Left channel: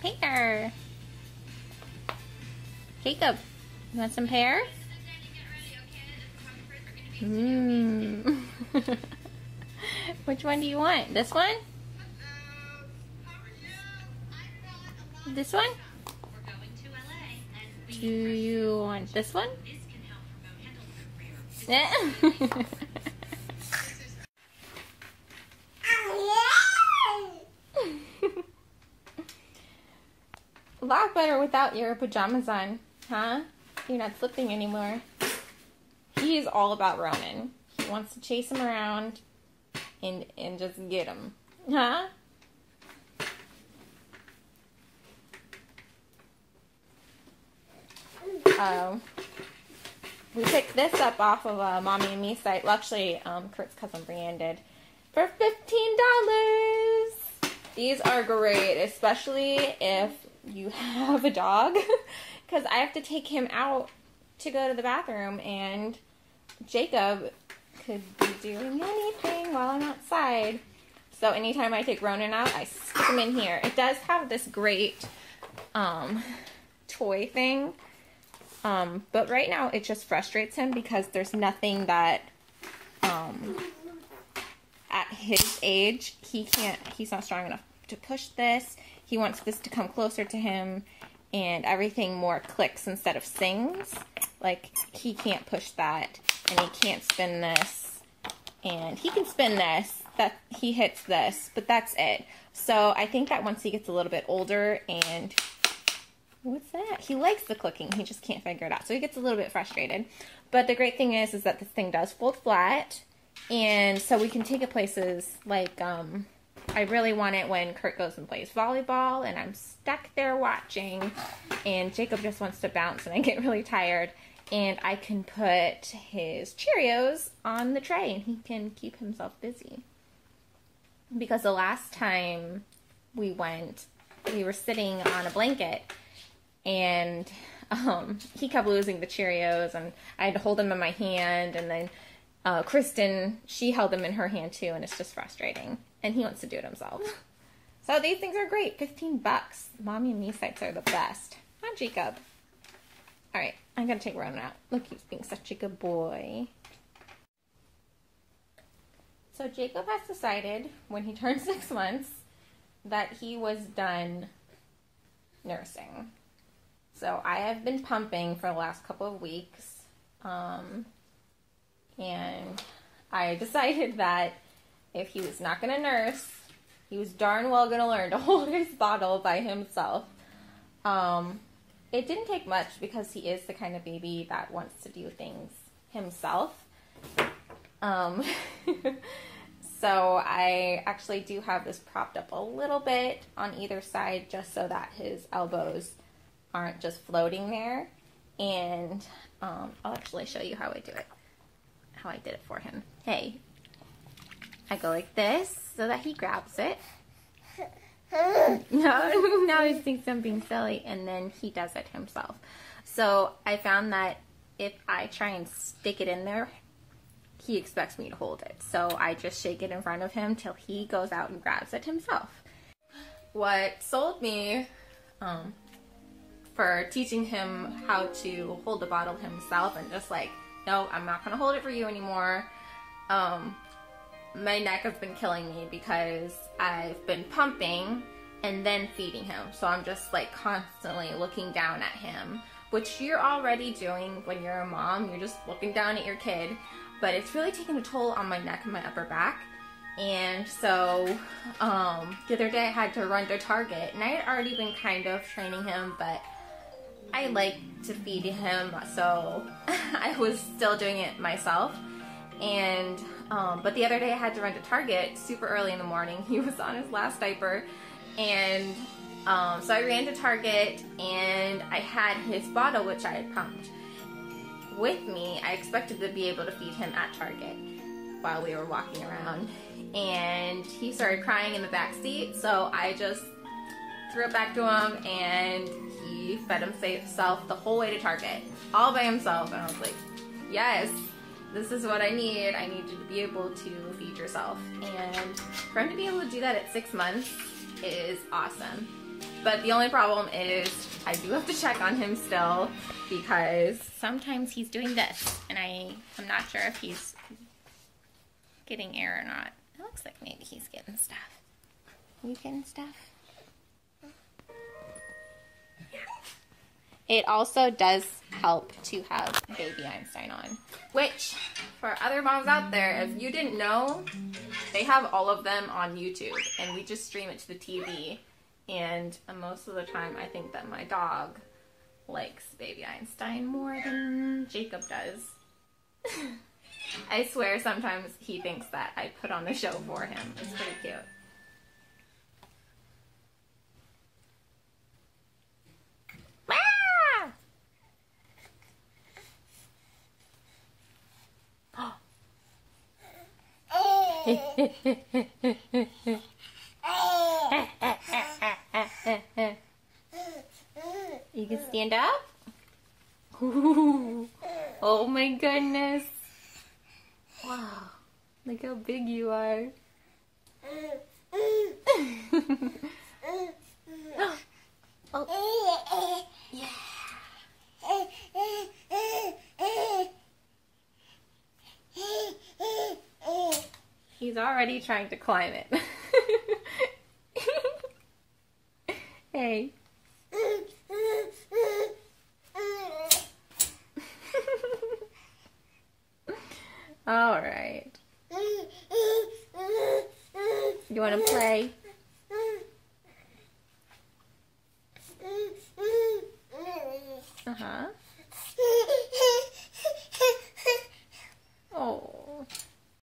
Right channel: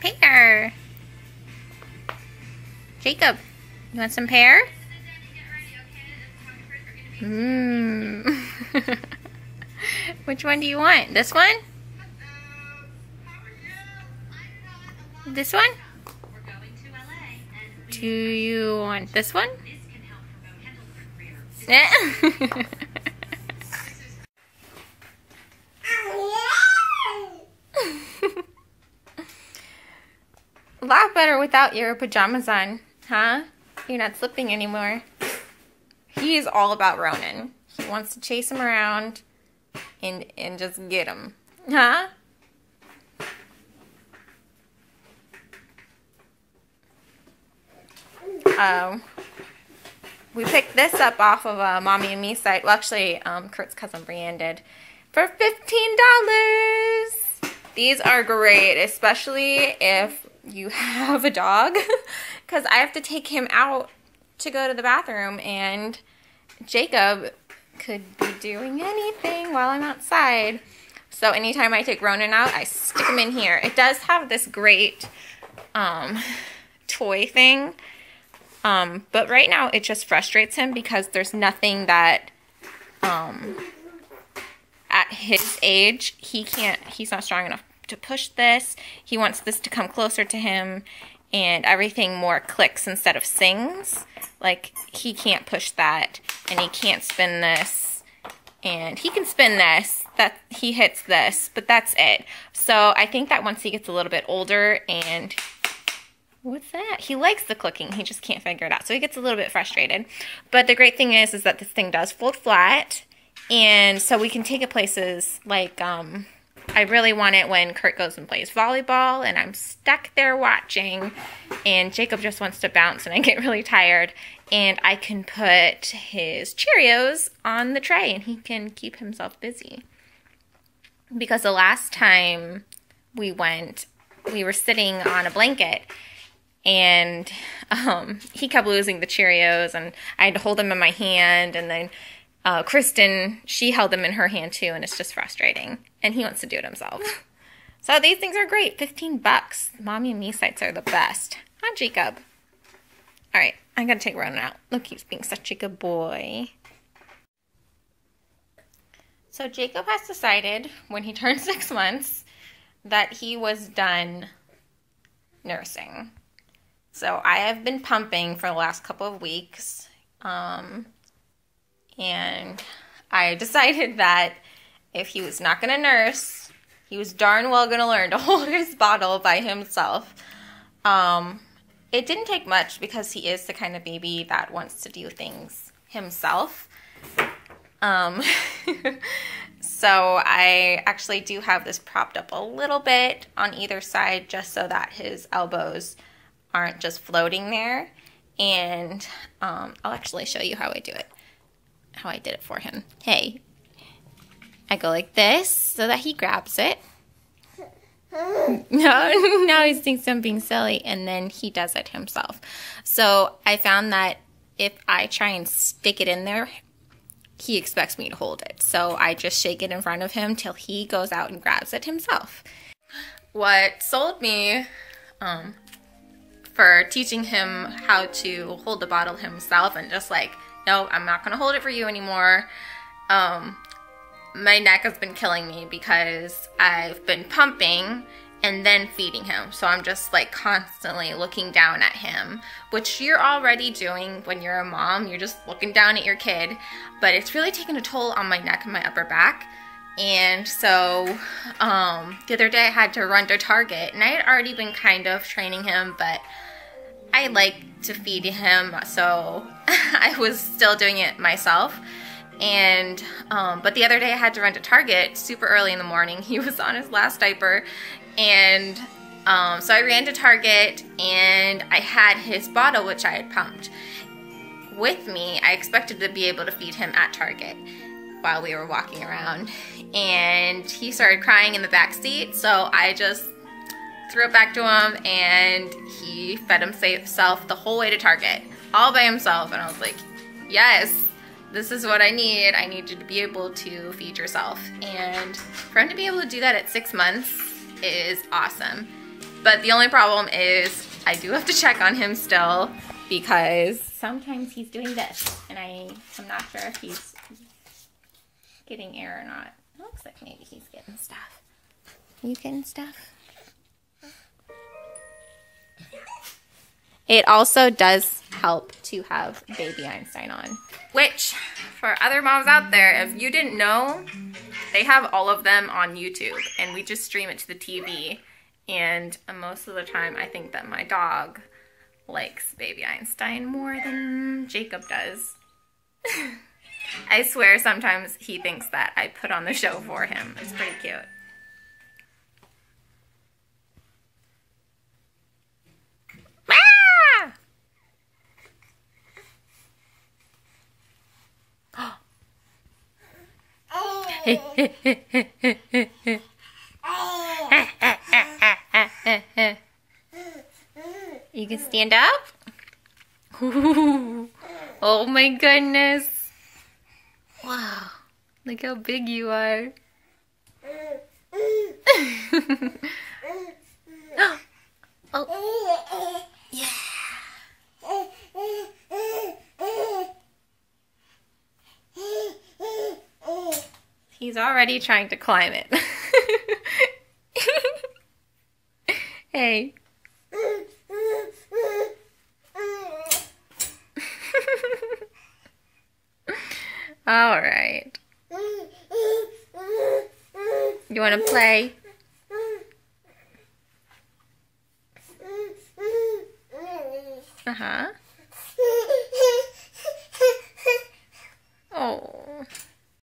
Pear. Jacob, you want some pear? Mmm. Which one do you want? This one? This one? Do you want this one? A lot better without your pajamas on, huh? You're not slipping anymore. He is all about Ronan. He wants to chase him around and just get him, huh? We picked this up off of a Mommy and Me site. Well, actually, Kurt's cousin Brienne did for $15. These are great, especially if you have a dog, because I have to take him out to go to the bathroom, and Jacob could be doing anything while I'm outside. So anytime I take Ronan out, I stick him in here. It does have this great toy thing. But right now it just frustrates him because there's nothing that, at his age, he's not strong enough to push this. He wants this to come closer to him and everything more clicks instead of sings. Like, he can't push that, and he can't spin this, and he can spin this, that he hits this, but that's it. So I think that once he gets a little bit older and what's that? He likes the clicking. He just can't figure it out. So he gets a little bit frustrated. But the great thing is that this thing does fold flat. And so we can take it places like, I really want it when Kurt goes and plays volleyball and I'm stuck there watching and Jacob just wants to bounce and I get really tired. And I can put his Cheerios on the tray and he can keep himself busy. Because the last time we went, we were sitting on a blanket and he kept losing the Cheerios, and I had to hold them in my hand, and then Kristen, she held them in her hand too, and it's just frustrating, and he wants to do it himself. So these things are great. $15. Mommy and Me sites are the best. Huh, Jacob? All right, I gotta take Ronan out. Look, he's being such a good boy. So Jacob has decided when he turned 6 months that he was done nursing. So I have been pumping for the last couple of weeks, and I decided that if he was not going to nurse, he was darn well going to learn to hold his bottle by himself. It didn't take much because he is the kind of baby that wants to do things himself. So I actually do have this propped up a little bit on either side just so that his elbows aren't just floating there. And I'll actually show you how I do it. How I did it for him. Hey, I go like this so that he grabs it. No, now he thinks I'm being silly, and then he does it himself. So I found that if I try and stick it in there, he expects me to hold it. So I just shake it in front of him till he goes out and grabs it himself. What sold me for teaching him how to hold the bottle himself and just like, no, I'm not gonna hold it for you anymore. My neck has been killing me because I've been pumping and then feeding him. So I'm just like constantly looking down at him, which you're already doing when you're a mom. You're just looking down at your kid, but it's really taken a toll on my neck and my upper back. And so the other day I had to run to Target, and I had already been kind of training him, but I like to feed him, so I was still doing it myself. And but the other day I had to run to Target super early in the morning. He was on his last diaper, and so I ran to Target and I had his bottle, which I had pumped, with me. I expected to be able to feed him at Target while we were walking around, and he started crying in the back seat, so I just threw it back to him and he fed himself the whole way to Target all by himself. And I was like, yes, this is what I need. I need you to be able to feed yourself. And for him to be able to do that at 6 months is awesome. But the only problem is I do have to check on him still because sometimes he's doing this and I'm not sure if he's getting air or not. It looks like maybe he's getting stuff. Are you getting stuff? Yeah. It also does help to have Baby Einstein on. Which, for other moms out there, if you didn't know, they have all of them on YouTube. And we just stream it to the TV. And most of the time, I think that my dog likes Baby Einstein more than Jacob does. I swear sometimes he thinks that I put on the show for him. It's pretty cute. You can stand up? Ooh. Oh my goodness. Wow. Look how big you are. Oh. Yeah. He's already trying to climb it. Hey. All right. You want to play? Uh-huh.